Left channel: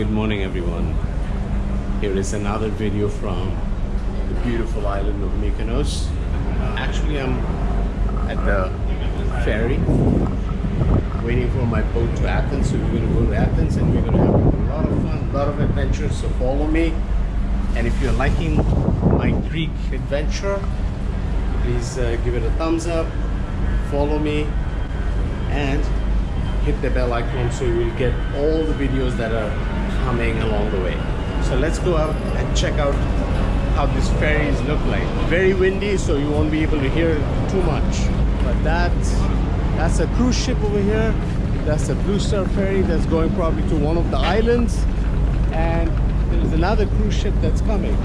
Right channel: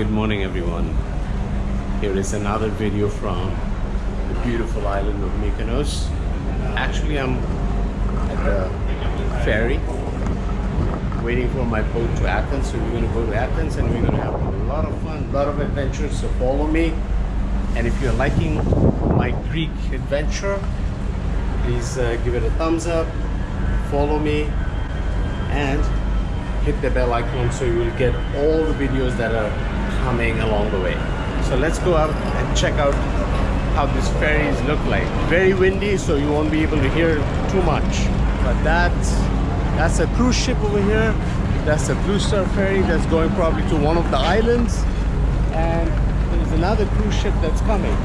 Good morning everyone. Here is another video from the beautiful island of Mykonos. Actually I'm at the ferry waiting for my boat to Athens. So we're going to go to Athens and we're going to have a lot of fun, a lot of adventures, so follow me. And if you're liking my Greek adventure, please give it a thumbs up, follow me and hit the bell icon so you will get all the videos that are coming along the way. So let's go out and check out how these ferries look like. Very windy, so you won't be able to hear too much. But that's a cruise ship over here. That's a Blue Star ferry that's going probably to one of the islands. And there's another cruise ship that's coming.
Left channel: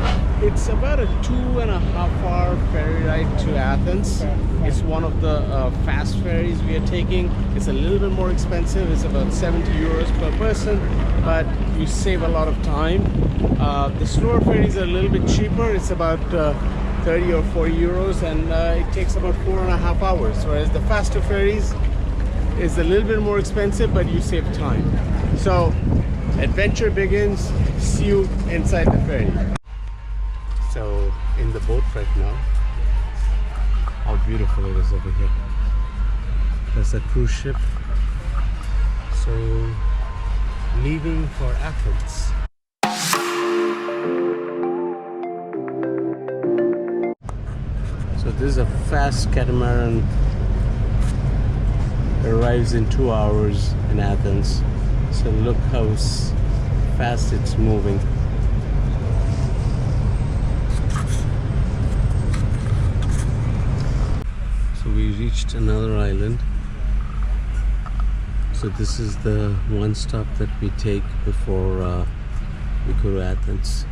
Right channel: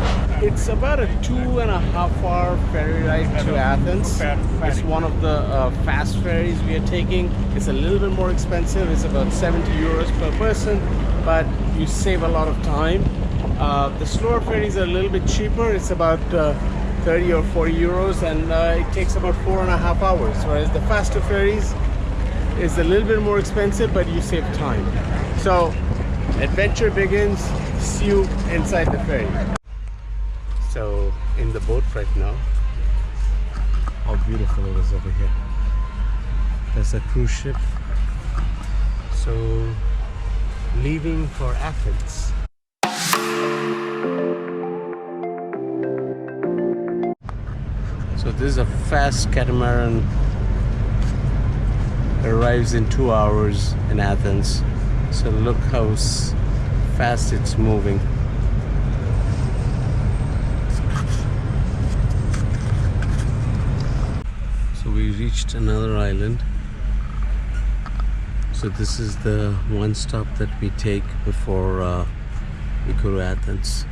It's about a 2.5-hour ferry ride to Athens. It's one of the fast ferries we are taking. It's a little bit more expensive. It's about 70 euros per person, but you save a lot of time. The slower ferries are a little bit cheaper. It's about 30 or 40 euros, and it takes about 4.5 hours. Whereas the faster ferries is a little bit more expensive, but you save time. So adventure begins. See you inside the ferry. So in the boat right now, how beautiful it is over here. There's a cruise ship, so leaving for Athens. So this is a fast catamaran. It arrives in 2 hours in Athens. So look how fast it's moving. So we reached another island. So this is the one stop that we take before we go to Athens.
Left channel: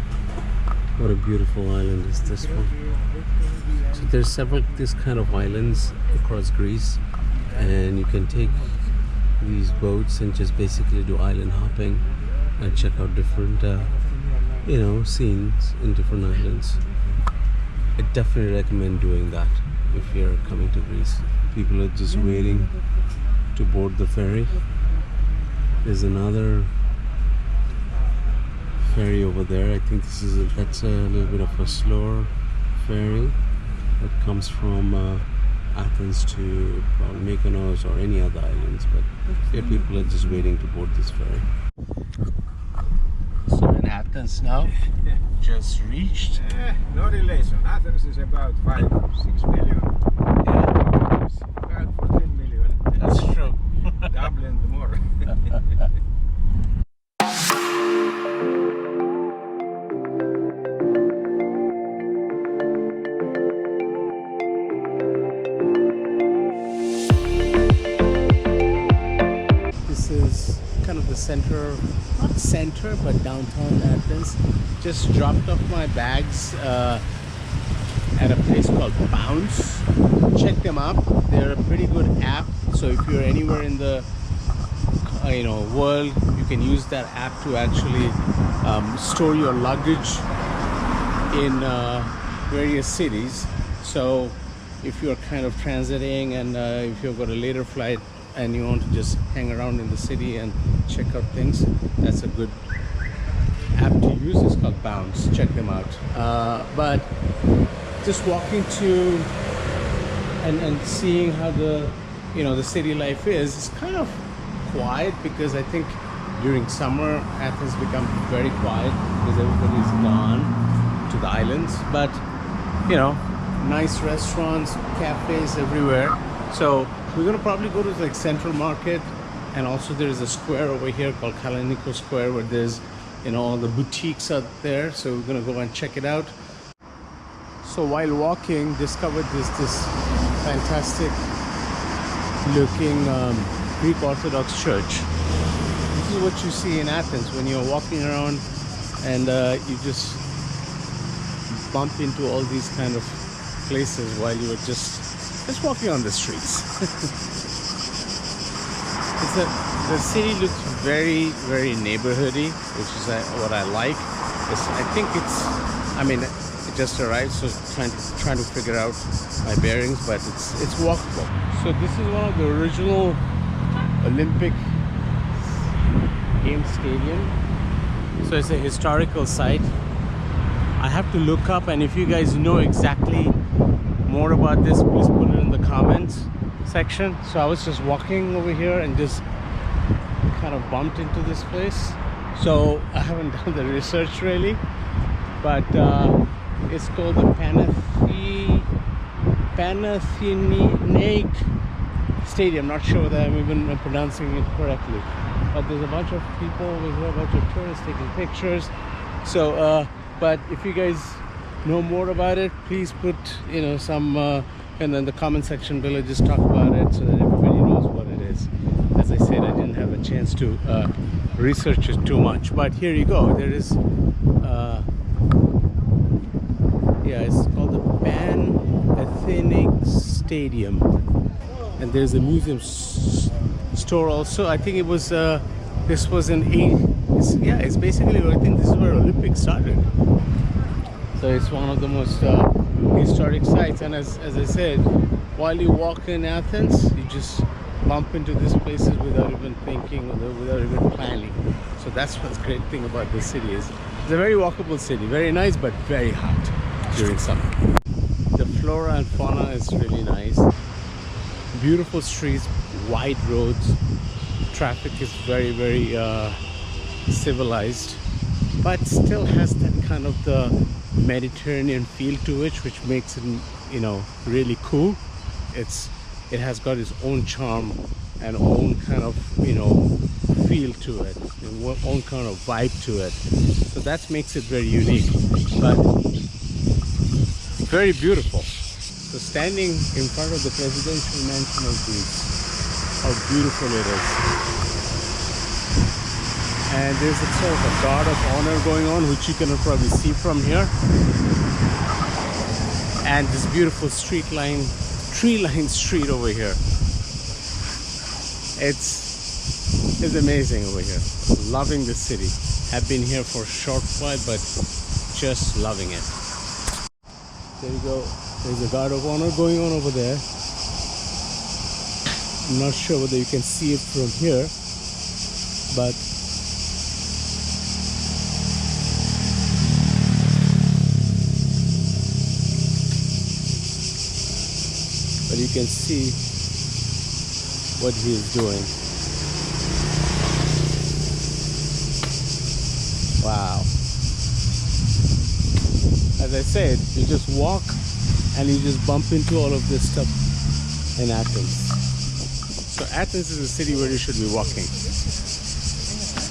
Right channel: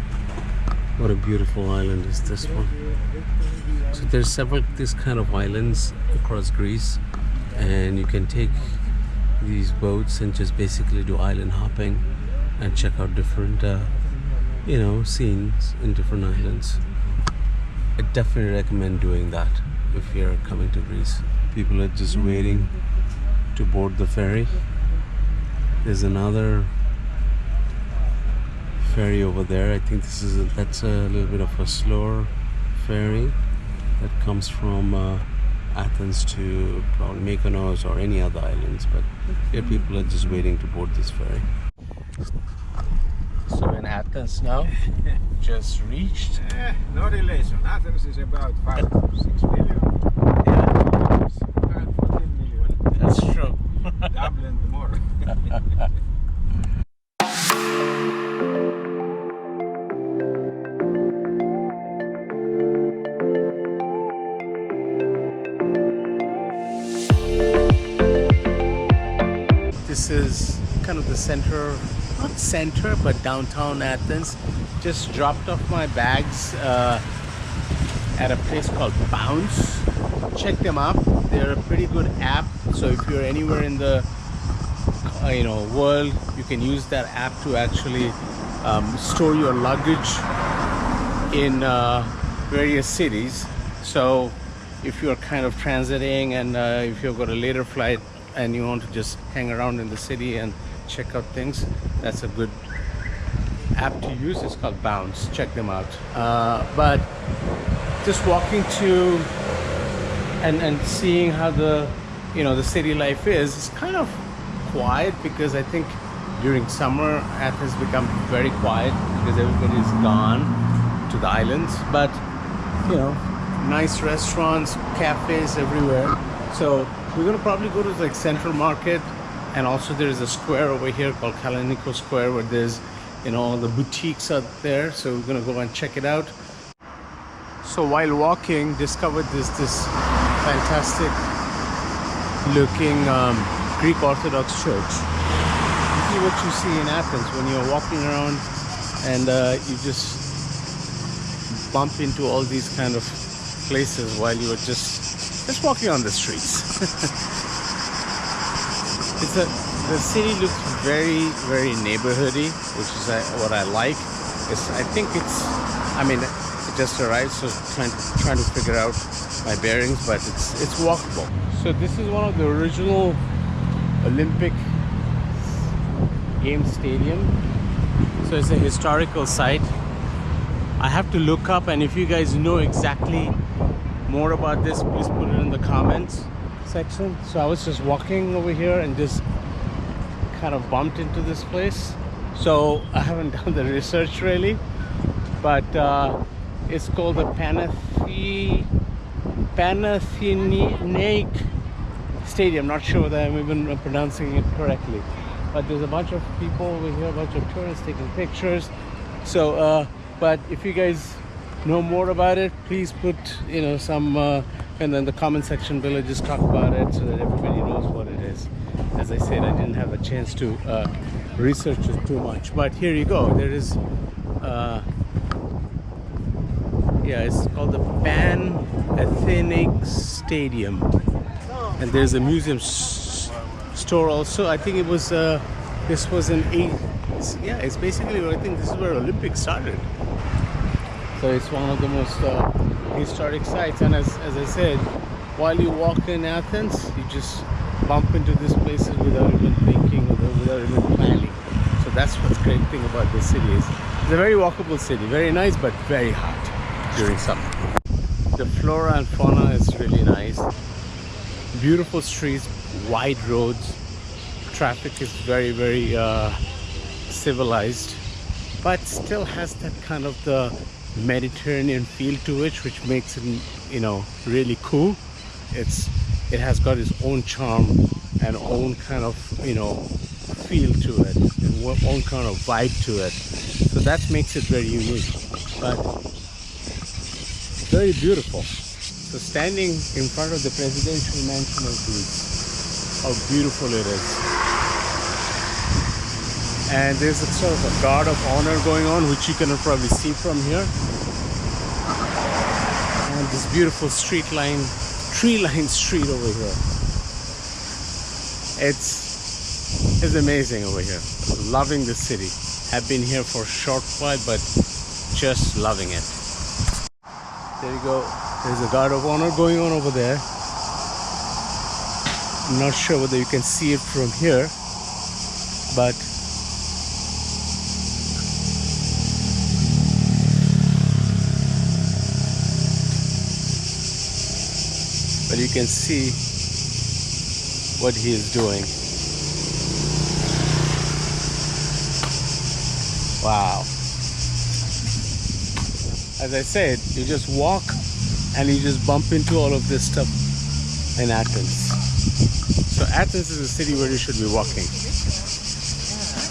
What a beautiful island is this one. So there's several these kind of islands across Greece, and you can take these boats and just basically do island hopping and check out different scenes in different islands. I definitely recommend doing that if you're coming to Greece. People are just waiting to board the ferry. There's another ferry over there. I think that's a little bit of a slower ferry that comes from Athens to probably Mykonos or any other islands, but here people are just waiting to board this ferry. So in Athens now, just reached. No relation. Athens is about 5-6 million. Yeah, It's about 14 million. that's true. Dublin more. This is kind of the center, not center, but downtown Athens. Just dropped off my bags at a place called Bounce. Check them up. They're a pretty good app. So if you're anywhere in the world, you can use that app to actually store your luggage in various cities. So if you're kind of transiting and if you've got a later flight and you want to just hang around in the city and check out things, that's a good app to use. It's called Bounce. Check them out. But just walking to and seeing how the city life is, it's kind of quiet, because I think during summer Athens becomes very quiet because everybody's gone to the islands. But nice restaurants, cafes everywhere. So we're gonna probably go to like Central Market, and also there is a square over here called Kolonaki Square where there's all the boutiques out there. So we're gonna go and check it out. So while walking, discovered this fantastic looking Greek Orthodox church. This is what you see in Athens when you're walking around, and you just bump into all these kind of places while you are just walking on the streets. The city looks very, very neighborhoody, which is what I like. It just arrived, so trying to figure out my bearings, but it's walkable. So this is one of the original Olympic Games stadium. So it's a historical site. I have to look up, and if you guys know exactly more about this, please put it in the comments section. So I was just walking over here and just kind of bumped into this place. So I haven't done the research really, but it's called the Panathenaic Stadium. Not sure whether I'm even pronouncing it correctly, but there's a bunch of people over here, a bunch of tourists taking pictures. So but if you guys know more about it, please put some and then the comment section below. Just talk about it so that everybody knows what it is. As I said, I didn't have a chance to research it too much, but here you go. There is yeah, it's called the Panathenaic Stadium, and there's a museum store also. I think it was this was it's basically, I think this is where Olympics started. So it's one of the most historic sites, and as I said, while you walk in Athens, you just bump into these places without even thinking or without even planning. So that's what's great thing about this city is it's a very walkable city, very nice, but very hot during summer. The flora and fauna is really nice. Beautiful streets, wide roads. Traffic is very civilized, but still has that kind of the Mediterranean feel to it, which makes it really cool. It has got its own charm and own kind of feel to it and own kind of vibe to it. So that makes it very unique, but very beautiful. So standing in front of the presidential mansion of Greece, how beautiful it is. And there's a sort of a guard of honor going on, which you can probably see from here. And this beautiful tree-lined street over here. It's amazing over here. Loving the city. Have been here for a short while, but just loving it. There you go. There's a guard of honor going on over there. I'm not sure whether you can see it from here, but you can see what he is doing. Wow. As I said, you just walk and you just bump into all of this stuff in Athens. So Athens is a city where you should be walking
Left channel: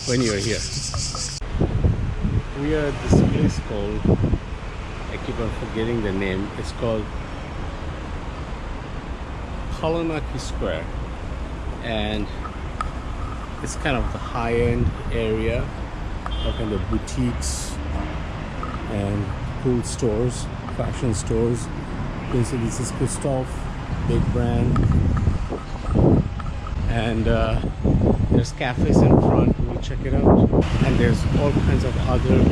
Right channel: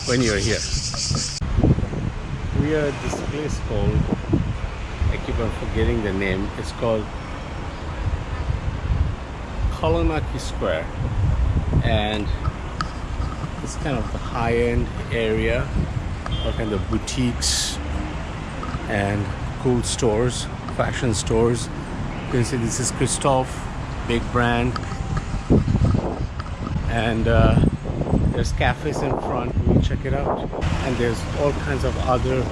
when you're here. We are at this place called, I keep on forgetting the name, it's called Kolonaki Square, and it's kind of the high-end area of kind of boutiques and cool stores, fashion stores. You can see this is Christoph, big brand, and there's cafes in front. We'll check it out, and there's all kinds of other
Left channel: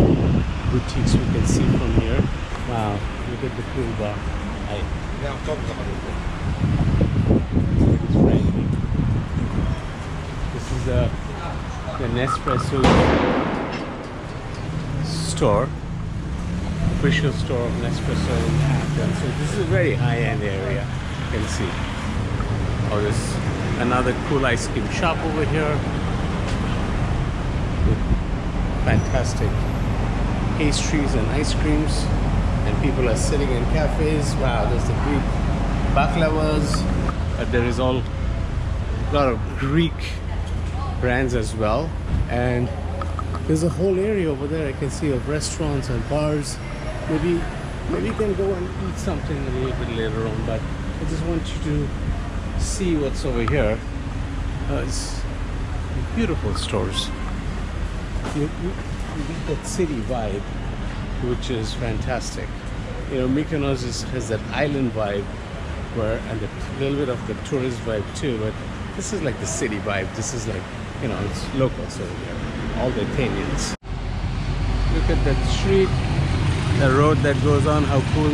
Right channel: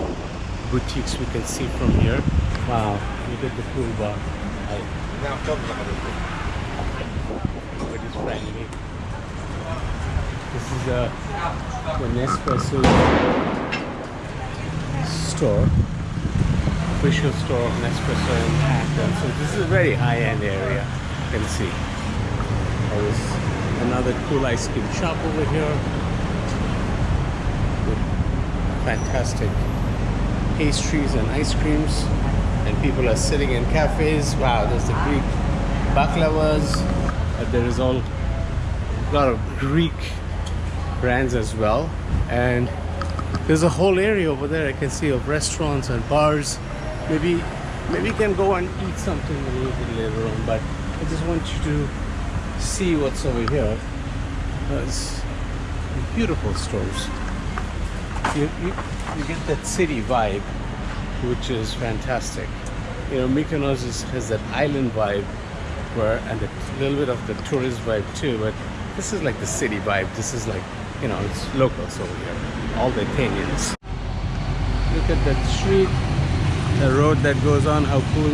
boutiques we can see from here. Wow, look at the pool bar. It is friendly. This is the Nespresso store, official store of Nespresso in Athens. So this is a very high-end area, you can see. Oh, there's another cool ice cream shop over here with fantastic pastries and ice creams, and people are sitting in cafes. Wow, there's the Greek baklavas. There is a lot of Greek brands as well, and there's a whole area over there I can see of restaurants and bars. Maybe you can go and eat something a little bit later on, but I just want you to see what's over here. It's beautiful stores. You get that city vibe, which is fantastic. Mykonos has that island vibe, and a little bit of the tourist vibe too, but this is like the city vibe. This is like, it's locals over here, all the Athenians. Look at that street, the road that goes on, how cool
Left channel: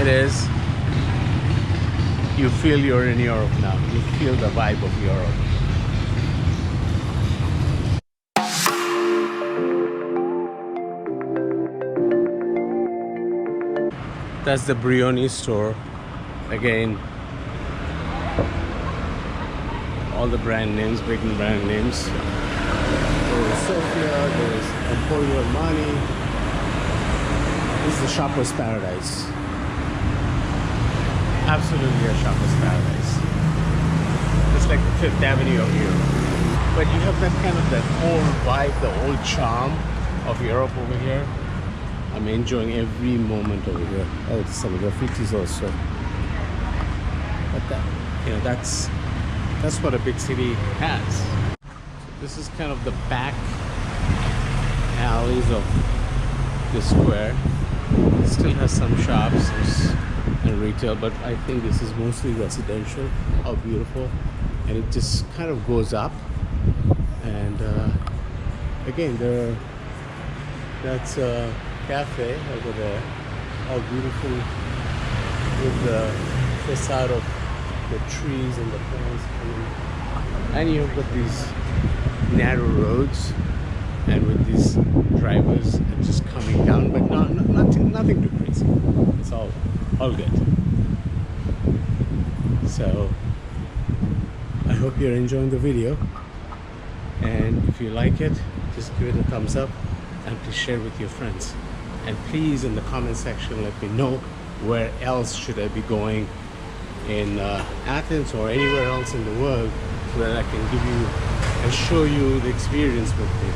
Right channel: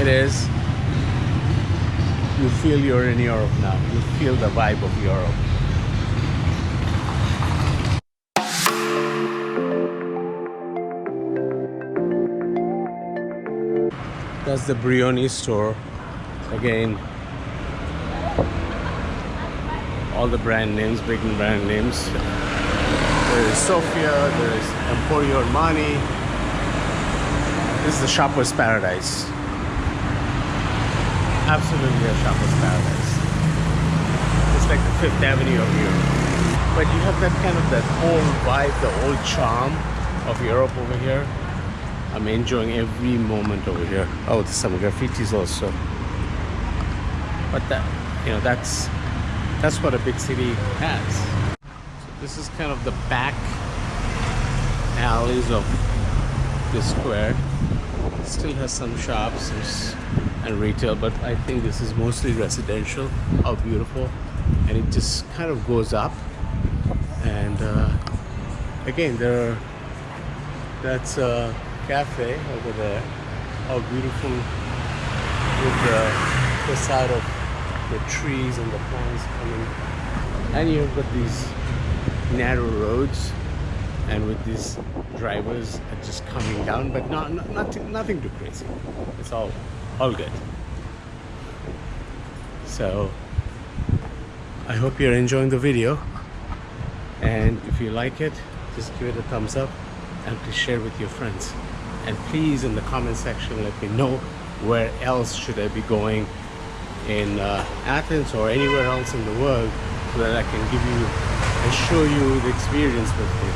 it is. You feel you're in Europe now. You feel the vibe of Europe. That's the Brioni store. Again, all the brand names, big brand names. There is Sofia, there is Emporio Armani. This is the shopper's paradise. Absolutely a shopper's paradise. It's like the Fifth Avenue of Europe. But you have that kind of that old vibe, the old charm of Europe over here. I'm enjoying every moment over here. Oh, there's some graffitis also. But that, you know, that's what a big city has. So this is kind of the back alleys of the square. It still has some shops and retail, but I think this is mostly residential. How beautiful. And it just kind of goes up. And again, that's a cafe over there. How beautiful with the facade of the trees and the plants coming. And you've got these narrow roads, and with these drivers just coming down, but nothing too crazy. It's all good. So I hope you're enjoying the video, and if you like it, just give it a thumbs up and please share with your friends. And please, in the comment section, let me know where else should I be going in Athens or anywhere else in the world, so that I can give you and show you the experience with me.